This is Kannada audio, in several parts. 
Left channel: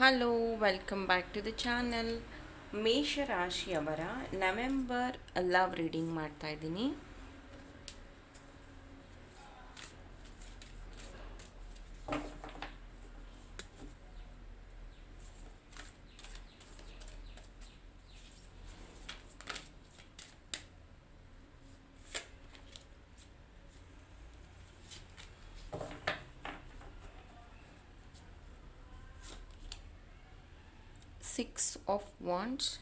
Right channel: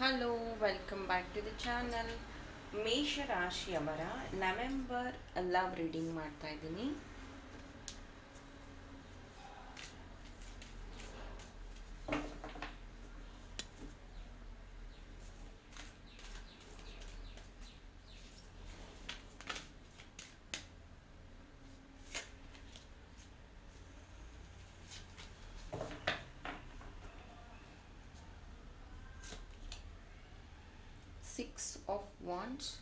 Hello welcome back to the channel ಮೇಷರಾಶಿಯವರ November love reading ಮಾಡ್ತಾ ಇದ್ದೀನಿ. Six of wands.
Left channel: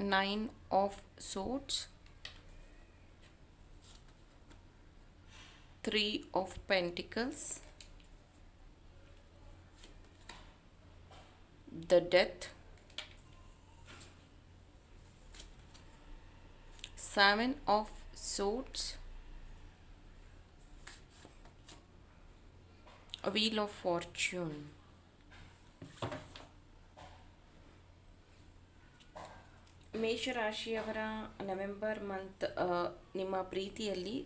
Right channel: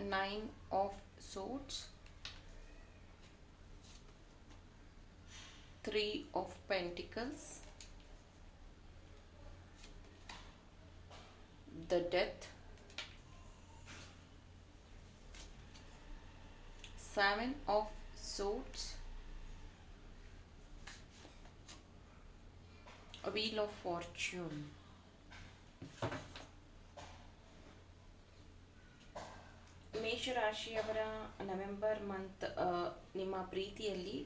Nine of swords. Three of pentacles. The death. Seven of swords wheel of fortune. ಮೇಷರಾಶಿಯವರ ನವೆಂಬರ್ ಮಂತ್ ನಿಮ್ಮ ಪ್ರೀತಿಯಲ್ಲಿ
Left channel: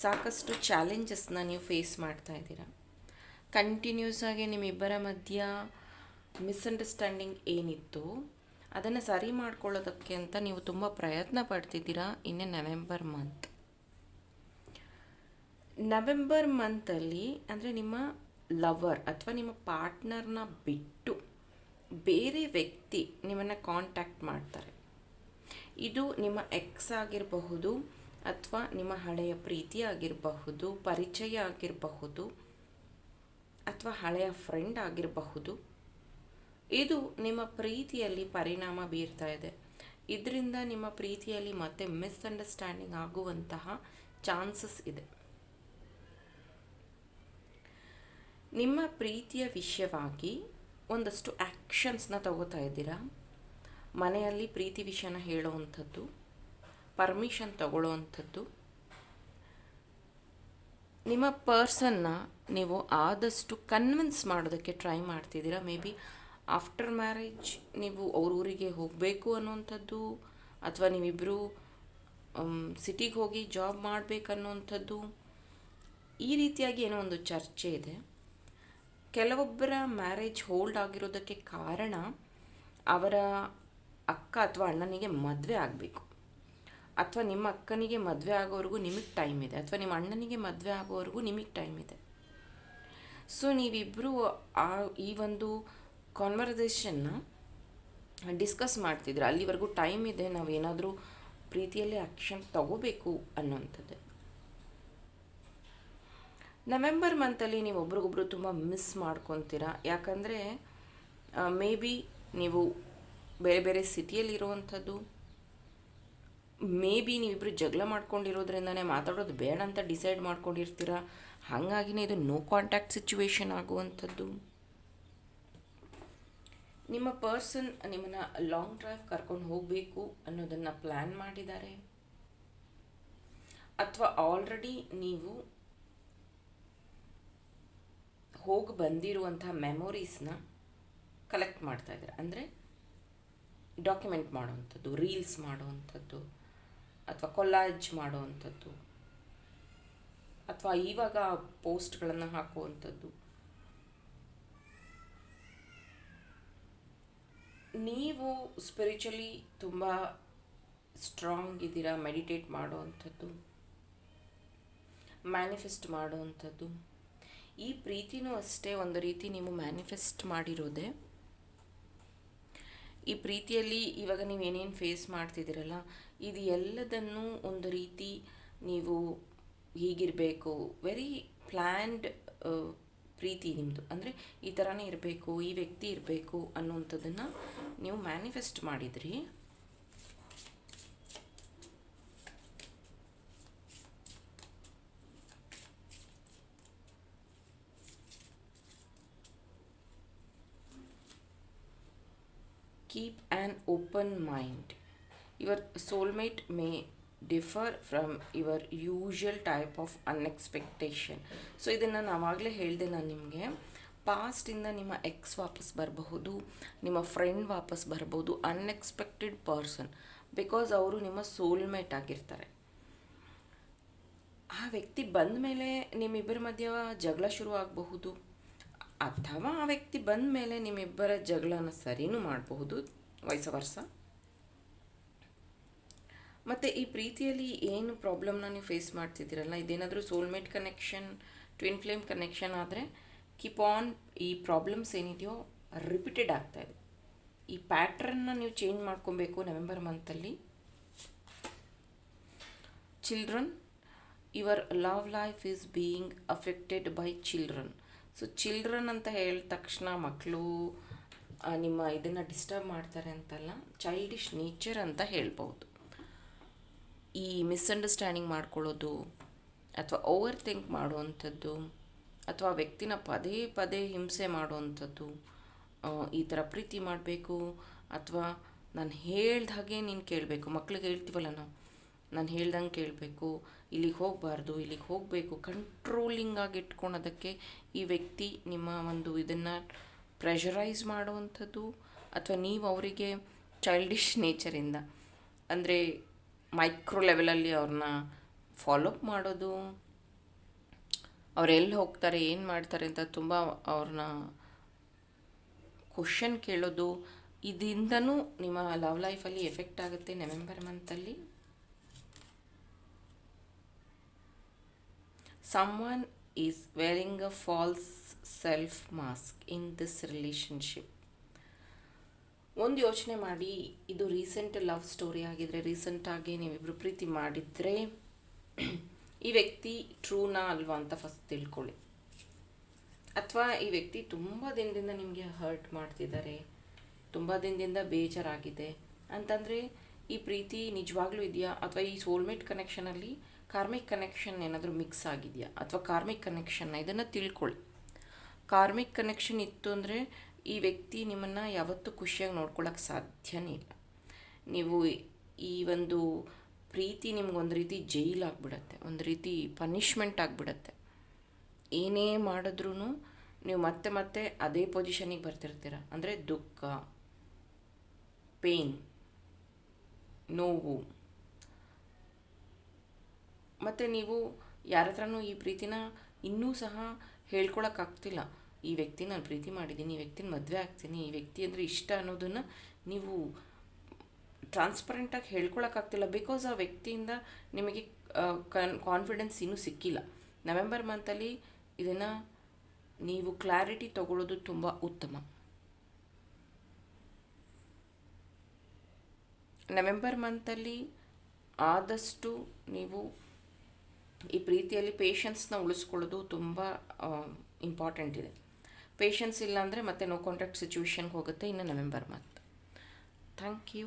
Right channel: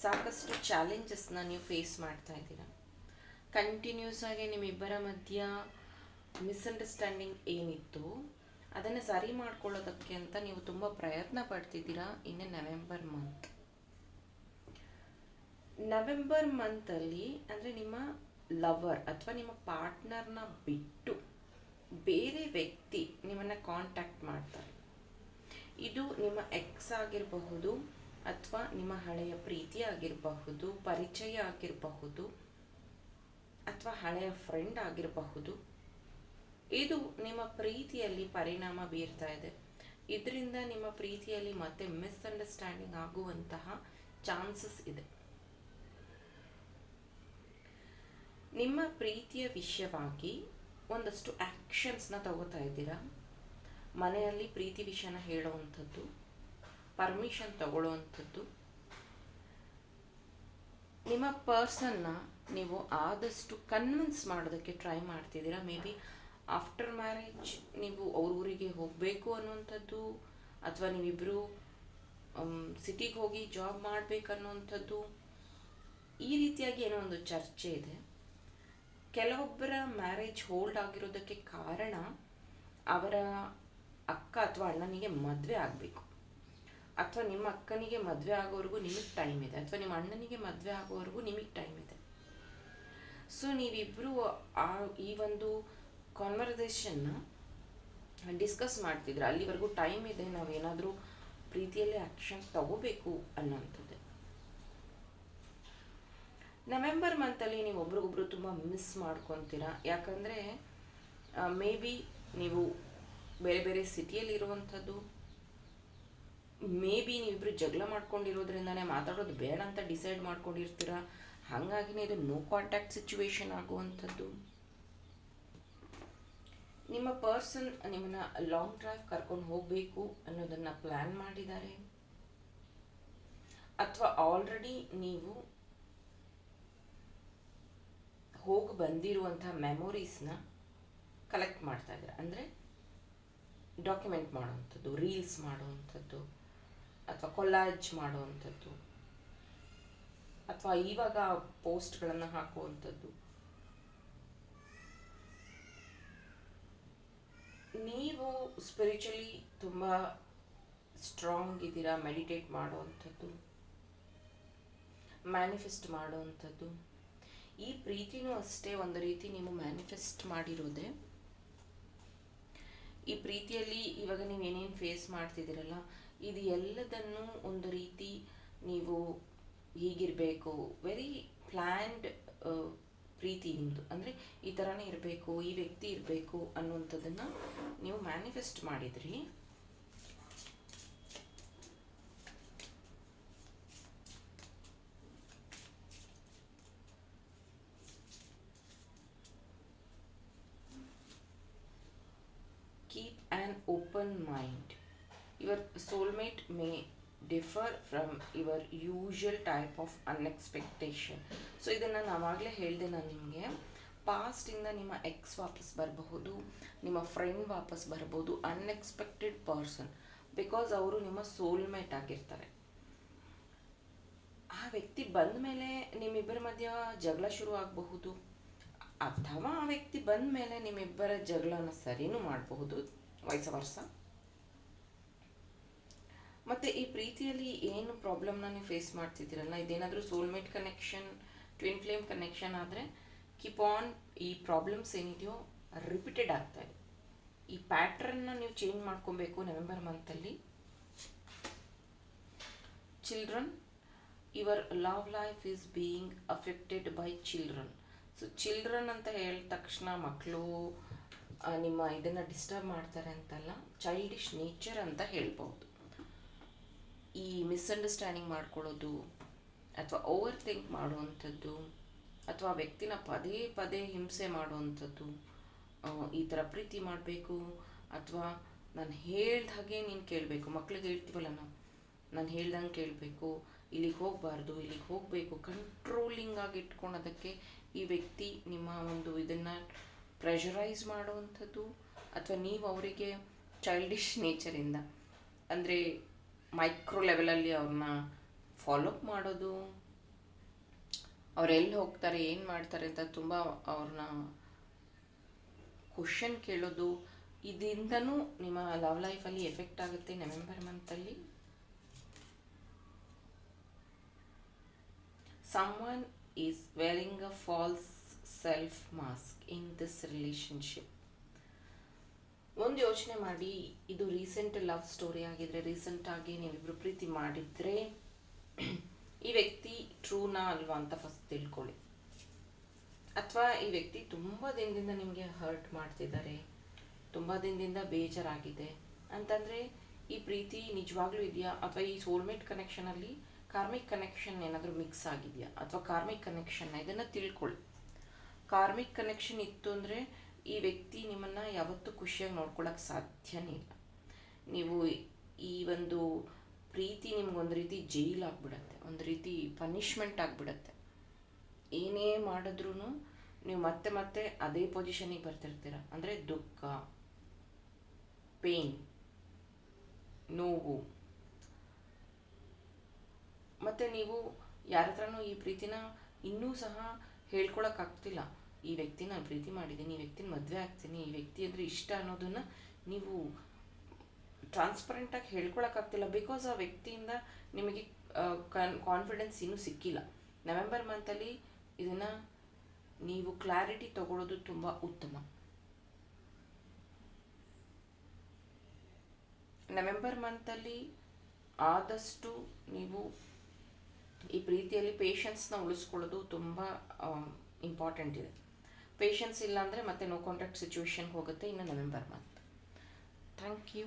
ಸಾಕಷ್ಟು ಚಾಲೆಂಜಸ್ನ ನೀವು ಫೇಸ್ ಮಾಡ್ತಾ ಇದ್ದೀರಾ. ಕಂಟಿನ್ಯೂಸ್ ಆಗಿ ನಿಮ್ಮಿಬ್ಬರ ಮಧ್ಯ ಮಿಸ್ಅಂಡರ್ಸ್ಟ್ಯಾಂಡಿಂಗ್ ಏನಿತ್ತು, ಅದನ್ನು ಸರಿ ಮಾಡ್ಕೊಳ್ಳೋದಕ್ಕೆ ಅಂತ ನೀವು ತುಂಬ ಪ್ರಯತ್ನ ಪಡ್ತಿದ್ದೀರಾ ಇನ್ನೇ ನವೆಂಬರ್ ಮಂತ್ ನವೆಂಬರ್ ಮಂತಲ್ಲಿ ಅಂದರೆ ನಿಮ್ಮ ಲವರ್ ಅಥವಾ ನಿಮ್ಮ ಪಾರ್ಟ್ನರ್ನ ಬಿಟ್ಟು ಬೇರೆ ವ್ಯಕ್ತಿ ನಿಮ್ಮನ್ನು ಕಾಂಟ್ಯಾಕ್ಟ್ ಮಾಡ್ತಾರೆ. ಇದು ನಿಮ್ಮ ಎಕ್ಸ್ ಆಗಿರಬಹುದು ಅಥವಾ ನಿಮ್ಮ ಹಳೆಯ ಪ್ರೀತಿ ಆಗಿರಬಹುದು, ಪರಿಚಯ ಆಗಿರಬಹುದು ಅಥವಾ ಹಳೆಯ ಫ್ರೆಂಡ್ ಆಗಿರಬಹುದು. ಇದು ನಿಮ್ಮ ಪ್ರೀತಿಯಲ್ಲಿ ಪರಿಣಾಮ ಬೀರ್ತಾ ಇದೆ. ಇದರಿಂದ ನಿಮ್ಮ ಪ್ರೀತಿಯಲ್ಲಿ ಮತ್ತೆ ಮಿಸ್ಅಂಡರ್ಸ್ಟ್ಯಾಂಡಿಂಗ್ ಆಗುವಂತಹ ಚಾನ್ಸಸ್ ಇದೆ. ನಿಮ್ಮ ಪ್ರೀತಿಯ ವಿಷಯವಾಗಿ ಒಂದಷ್ಟು ಆ್ಯಕ್ಷನ್ಸ್ನ ತಗೋತಾ ಇದ್ದೀರಾ? ಮನೆಯಲ್ಲಿ ಪ್ರೀತಿ ವಿಷಯನ ಹೇಳುವಂಥದ್ದು ಪರ್ಮಿಷನ್ ತಗೊಳ್ಳುವಂಥದ್ದು. ನಿಮ್ಮ ಪರ್ಸನ್ನ ನೀವು ಆದಷ್ಟು ಕನ್ವಿನ್ಸ್ ಮಾಡೋದಕ್ಕೆ ಟ್ರೈ ಮಾಡ್ತಿದ್ದೀರಾ? ಮೇ ಬಿ ಆಫ್ಟರ್ ಮ್ಯಾರೇಜ್ ನೀವು ಅವ್ರ ಊರಿಗೆ ಹೋಗಬೇಕು ಅನ್ನುವಂಥದ್ದು, ಅಥವಾ ನೀವಿಬ್ಬರು ಸಿಟಿಗೆ ಹೋಗಿ ಜಾಬ್ ಮಾಡಬೇಕನ್ನುವಂಥದ್ದು ಈ ರೀತಿಯಾಗಿ ಏನೋ ಒಂದು ಚರ್ಚೆ ಇದೆ. ಕೆಲವೊಬ್ಬರ ಮ್ಯಾರೇಜ್ ಹೋಲ್ಡ್ ಆಗಿರೋದಕ್ಕೆ ಕಾರಣ ಅವರ ಅಕ್ಕ ಅಥವಾ ಅಣ್ಣನಿಗೆ ಮದುವೆ ಆಗಬೇಕು. ಅಥವಾ ನಿಮ್ಮ ಅಕ್ಕನಿಗೆ ಮದುವೆ ಆಗೋವರೆಗೂ ನಿಮಗೆ ಟೈಮ್ ಇದೆ. ಅಥವಾ ನಿಮ್ಮ ಅಣ್ಣನಿಗೆ ಮದುವೆ ಆಗೋವರೆಗೂ ನಿಮಗೆ ಟೈಮ್ ಇದೆ. ಸೊ ನೀವಿಬ್ಬರು ಆ, ಈ ಒಂದು ಕಾನ್ವರ್ಸೇಷನ್ನ ಡಿಸ್ಕಸ್ ಮಾಡ್ತಿದ್ರೆ ಅಲ್ಲಿವರೆಗೂ ಟೈಮ್ ಇದೆ ನಾವು ಏನಾದರೂ ಪ್ರೀತಿಯಲ್ಲಿ ಆ್ಯಕ್ಷನ್ ತಗೋಬೇಕು ಅನ್ನೋಂಥದ್ದು ನವೆಂಬರ್ ಮಂತಲ್ಲಿ ನೀವು ಒಬ್ರಿಗೊಬ್ರು ತುಂಬ ಮಿಸ್ ಮಾಡ್ಕೊತೀರಾ? ಯಾಕಂದರೆ ಮೇ ಬಿ ನೀವು ಬೇರೆ ಬೇರೆ ಸಿಟಿಯಲ್ಲಿರುವಂಥದ್ದು ಮೇ ಬಿ ನೀವಿಬ್ರು ಜಗಳ ಮಾಡ್ಕೊಂಡಿರೋದ್ರಿಂದನೇ ಮಾತಾಡೋದು ಬೇಡ ಅಂತ ಡಿಸೈಡ್ ಮಾಡ್ಕೊಂಡಿರ್ತೀರ? ಹಾಗಾಗಿನೇ ಇದು ನೋ ಕಾಂಟ್ಯಾಕ್ಟ್ ಸಿಚುವೇಶನ್ ಆಗುವಂಥದ್ದು. ನಿಮ್ಮ ಪರ್ಸನ್ ನಿಮ್ಮನ್ನ ಲಾಂಗ್ ಡ್ರೈವ್ ಕರ್ಕೊಂಡು ಹೋಗಬೇಕು ಅನ್ನೋದನ್ನು ಪ್ಲ್ಯಾನ್ ಮಾಡಿದ್ದಾರೆ. ಅಥವಾ ಆಲ್ರೆಡಿ ನೀವು ಹೋಗಿ ಬಂದಿರುವಂಥ ಮೆಮೊರೀಸ್ನ ಕಲೆಕ್ಟ್ ಮಾಡ್ತಾ ಇದ್ದಾರೆ. ಅಂದರೆ ಡಾಕ್ಯುಮೆಂಟ್ ಮಾಡುವಂಥದ್ದು ರೀಲ್ಸ್ ಮಾಡುವಂಥದ್ದು, ಅಥವಾ ಕೊಲಾಜ್ ಮಾಡುವಂಥದ್ದು, ಅಥವಾ ಇವಾಗ ಪೋಸ್ಟ್ಗಳನ್ನು ಹಾಕುವಂಥದ್ದು. ನೀವು ಸ್ಪಿರಿಚುಲಿ ತುಂಬ ಸ್ಟ್ರಾಂಗ್ ಇದ್ದೀರಾ ಮೆಡಿಟೇಟ್ ಮಾಡುವಂಥದ್ದು ಮ್ಯಾನಿಫೆಸ್ಟ್ ಮಾಡುವಂಥದ್ದು. ಈ ಪ್ರೀತಿನೂ ಅಷ್ಟೇ ಒಂದು ರೀತಿ ನೀವು ಮ್ಯಾನಿಫೆಸ್ಟ್ ಮಾಡಿರೋದೆ. ಈ ಪ್ರೀತಿಯಲ್ಲಿ ಇವಾಗ ನೀವು ಏನೇನು ಫೇಸ್ ಮಾಡ್ತಿದ್ದೀರಲ್ಲ, ಇದು ಎಲ್ಲದನ್ನು ಒಂದು ರೀತಿ ನೀವು ಹೀಗಿರಬೇಕು. ವೆರಿ ಪ್ಲ್ಯಾನ್ಡ್ ಪ್ರೀತಿ ನಿಮ್ಮದು ಅಂದರೆ ಈ ಥರನೇ ಇರಬೇಕು, ಈ ವ್ಯಕ್ತಿ ಇರಬೇಕು ಅನ್ನುವಂಥದ್ದನ್ನು ನೀವು ಮ್ಯಾನಿಫೆಸ್ಟ್ ಮಾಡಿದ್ರಿ. Keep an open mind. Your soulmate may differ from your usual type of unexpectation so ಇದನ್ನು ನಾವಾಗಲೇ ಹೇಳಿದೆ ನಾನು ನಿಮಗೆ. ಪಾಸ್ಟಿಂದ ನಿಮ್ಮ ಎಕ್ಸ್ ವಾಪಸ್ ಬರಬಹುದು, ನಿಮ್ಮ ಫ್ರೆಂಡ್ ವಾಪಸ್ ಬರ್ಬೋದು ಅನ್ಎಕ್ಸ್ಪೆಕ್ಟೆಡ್ ಪರ್ಸನ್ ಬಿಕಾಸ್ ಅವರು ನಿಮ್ಮ ಸೋಲ್ಮೇಟ್ ಆಗಿರ್ತಾರೆ. ಆ ವ್ಯಕ್ತಿ ಬಂದ ಮೇಲೆ ನಿಮ್ಮಿಬ್ಬರ ಮಧ್ಯ ಜಗಳ ಶುರು ಆಗಬಹುದು. ಅಥವಾ ಆ ವ್ಯಕ್ತಿ ಬಂದ ಮೇಲೆ ನಿಮ್ಮಿಬ್ಬರ ಜಗಳನ ಸರಿನೂ ಮಾಡಬಹುದು ವಯಸ್ಸ ವರ್ಷ ಮತ್ತು ಈ ಪ್ರೀತಿಯಲ್ಲಿ ಏನು ಪ್ರಾಬ್ಲಮ್ನ ನೀವು ಫೇಸ್ ಮಾಡ್ತಿದ್ದೀರಲ್ಲ? ಇದೇನಾದರೂ soulmate connection twin flame connection ಆದರೆ ಕೀಪ್ ಆನ್ ಈ ಪ್ರಾಬ್ಲಮ್ಸ್ ಏನಿದೆಯೋ ರಿಪೀಟೆಡ್ ಆಗ್ತಾ ಇದೆ. ಈ ಪ್ಯಾಟ್ರನ್ನ ನೀವು ಚೇಂಜ್ ಮಾಡ್ಕೊಬೇಕು November ಮಂತಲ್ಲಿ children your love life is being affected by children so children ಅಂತ ಹೇಳಿದ ತಕ್ಷಣ ಮಕ್ಕಳು ನಿಮ್ಮ ಇದನ್ನು ಡಿಸ್ಟರ್ಬ್ ಮಾಡ್ತಾರೆ ಅಂತಲ್ಲ ಚೈಲ್ಡಿಶ್ ನೇಚರ್ ಅಂತ ಹೇಳ್ಬೋದು ಈ ಮಿಸ್ಅಂಡರ್ಸ್ಟ್ಯಾಂಡಿಂಗ್ ಮಾಡ್ಕೊಳ್ಳೋದು ಅಥವಾ ಓವರ್ ಥಿಂಕ್ ಮಾಡುವಂಥದ್ದು ಅಥವಾ ವ್ಯಕ್ತಿನ ಪದೇ ಪದೇ ಹಿಂಸೆ ಮಾಡುವಂಥದ್ದು ಈ ಥರ ಪ್ರೀತಿ ಮಾಡಬೇಕು ಅಥವಾ ನಾನು ಹೇಳ್ದ ಹಾಗೆ ನೀನು ಕೇಳಬೇಕು. ಮಕ್ಳಿಗೆ ಹೇಳ್ತೀವಲ್ಲ ನಾವು, ನಾನು ಹೇಳ್ದಂಗೆ ಕೇಳಬೇಕು. ಇಲ್ಲಿಗೆ ಹೋಗಬಾರ್ದು, ಇಲ್ಲಿಗೆ ಹೋಗಬೇಕು. ಕಂಟ್ರೋಲಿಂಗ್ ಆಗಿ ಇಟ್ಕೊಳೋದಕ್ಕೆ ಈ ವ್ಯಕ್ತಿ ನಿಮ್ಮ ಒಂದು ಇದನ್ನು ಪ್ರೆಷರೈಸ್ ಮಾಡುವಂಥದ್ದು ಅಥವಾ ನೀವು ಅವರಿಗೆ ಚೈಲ್ಡಿಶ್ ನೇಚರಿಂದ ಅಂದರೆ ಮೈಕ್ರೋ ಲೆವೆಲಲ್ಲಿ ಅವ್ರನ್ನ ಫಾಲೋಅಪ್ ಮಾಡೋದು ಅವರೆಲ್ಲಿ ಹೋಗ್ತಾರೆ, ಏನು ಮಾಡ್ತಾರೆ ಅಂತ ತುಂಬ ಅವ್ರನ್ನ ಕ್ವಶನ್ ಕೇಳೋದು, ಇದರಿಂದನೂ ನಿಮ್ಮ ಲವ್ ಲೈಫಲ್ಲಿ ಎಫೆಕ್ಟ್ ಆಗುತ್ತೆ ನವೆಂಬರ್ ಮಂತಲ್ಲಿ someone is wearing a false self mask in this relationship. ಒಂದು ಯೋಚನೆ ಮಾಡಿ, ಇದು ರೀಸೆಂಟ್ ಲವ್ ಸ್ಟೋರಿ ಆಗಿದ್ರೆ ರೀಸೆಂಟಾಗಿ ನೀವಿಬ್ರು ಪ್ರೀತಿ ಮಾಡಿದರೆ, ಈ ವ್ಯಕ್ತಿ ಟ್ರೂನಾ ಅಲ್ವಾ ಅಂತ ಫಸ್ಟ್ ತಿಳ್ಕೊಳ್ಳಿ. ಅಥವಾ ಈ ವ್ಯಕ್ತಿ ತುಂಬ ದಿನದಿಂದ ನಿಮಗೆ ಹರ್ಟ್ ಮಾಡ್ತಿದ್ದಾರೆ, ತುಂಬ ದಿನದಿಂದ ಬೇಜಾರಾಗಿದೆ, ಅಂತಂದರೆ ಈ ಪ್ರೀತಿ ನಿಜವಾಗ್ಲೂ ಇದೆಯಾ? ಅಥವಾ ಈ ಸೋಲ್ಮೇಟ್ ಕನೆಕ್ಷನಲ್ಲಿ ಕಾರ್ಮಿಕ್ ಕನೆಕ್ಷನ್ ಏನಾದರೂ ಮಿಕ್ಸ್ ಆಗಿದೆಯಾ? ಅಥವಾ ಕಾರ್ಮಿಕ್ ಕನೆಕ್ಷನ್ನ ಇದನ್ನು ತಿಳ್ಕೊಳ್ಳಿ. ಕಾರ್ಮಿಕ್ ಕನೆಕ್ಷನ್ ಇತ್ತು ಅಂದರೆ ಈ ವ್ಯಕ್ತಿ ನಿಮ್ಮನ್ನು ಯಾವತ್ತೂ ಖುಷಿಯಾಗಿ ನೋಡ್ಕೊಳ್ಳೋಕೆ ಸಾಧ್ಯನೇ ಇಲ್ಲ. ನೀವು ಈ ಒಂದು ಪ್ರೀತಿ ನಿಮ್ಗೊಂದು ರೀತಿ ಜೈಲ್ ಆಗಿಬಿಡತ್ತೆ. ಒಂದು ರೀತಿ ಪನಿಷ್ಮೆಂಟ್ ಆಗಿಬಿಡತ್ತೆ. ಏನೇ ಮಾಡಿದ್ರೂ ನೀವು ಮತ್ತೆ ಮತ್ತೆ ಅದೇ ಪೊಸಿಷನಿಗೆ ಬರ್ತಿರ್ತೀರ. ಅಂದರೆ ದುಃಖ ಪೇನ್ ನೋವು. ಮತ್ತು ನೀವು ಯಾರ ಹತ್ರನೂ ಈ ಪ್ರೀತಿನ ಇನ್ನೂ ಸಹ ಹೇಳ್ಕೊಳಕ್ಕಾಗ್ತಿಲ್ಲ. ಈ ವ್ಯಕ್ತಿ ನಾನು ಪ್ರೀತಿ ಮಾಡಿದ್ದೀನಿ, ಈ ವ್ಯಕ್ತಿನ ಮದುವೆ ಆಗ್ತೀನಿ, ಈ ವ್ಯಕ್ತಿ ಅಂದರೆ ಇಷ್ಟ ಅನ್ನೋದನ್ನು ನೀವು ಟ್ರಾನ್ಸ್ಪರೆಂಟಾಗಿ ಹೇಳ್ಕೊಳಕ್ಕಾಗ್ತಿಲ್ಲ. ಬಿಕಾಸ್ ಆ ವ್ಯಕ್ತಿಯಿಂದ ನಿಮಗೆ ಕಾನ್ಫಿಡೆನ್ಸ್ ಇನ್ನೂ ಸಿಕ್ಕಿಲ್ಲ. ನವೆಂಬರ್ ಮಂತಲ್ಲಿ ಇದನ್ನು ನೀವು ಕ್ಲಾರಿಟಿ ತಗೊಳ್ಳೋದು ತುಂಬ ಉತ್ತಮ. ನವೆಂಬರ್ ಮಂತಲ್ಲಿ ಆದಷ್ಟು ನೀವು ಈ ಪ್ರೀತಿಯಲ್ಲಿ ಪೇಷನ್ಸ್ನ ಉಳಿಸ್ಕೊಳ್ಳೋದು ತುಂಬ ಇಂಪಾರ್ಟೆಂಟ್ ಇದೆ. ಪೇಷನ್ಸ್ ಇಲ್ಲಾಂದರೆ ಮತ್ತೆ ನೋ ಕಾಂಟ್ಯಾಕ್ಟ್ ಸಿಚುವೇಶನ್ಗೆ ಹೋಗುತ್ತೆ ಇನ್ನು ನವೆಂಬರ್ ಮಂತ್ ಥ್ಯಾಂಕ್ ಯು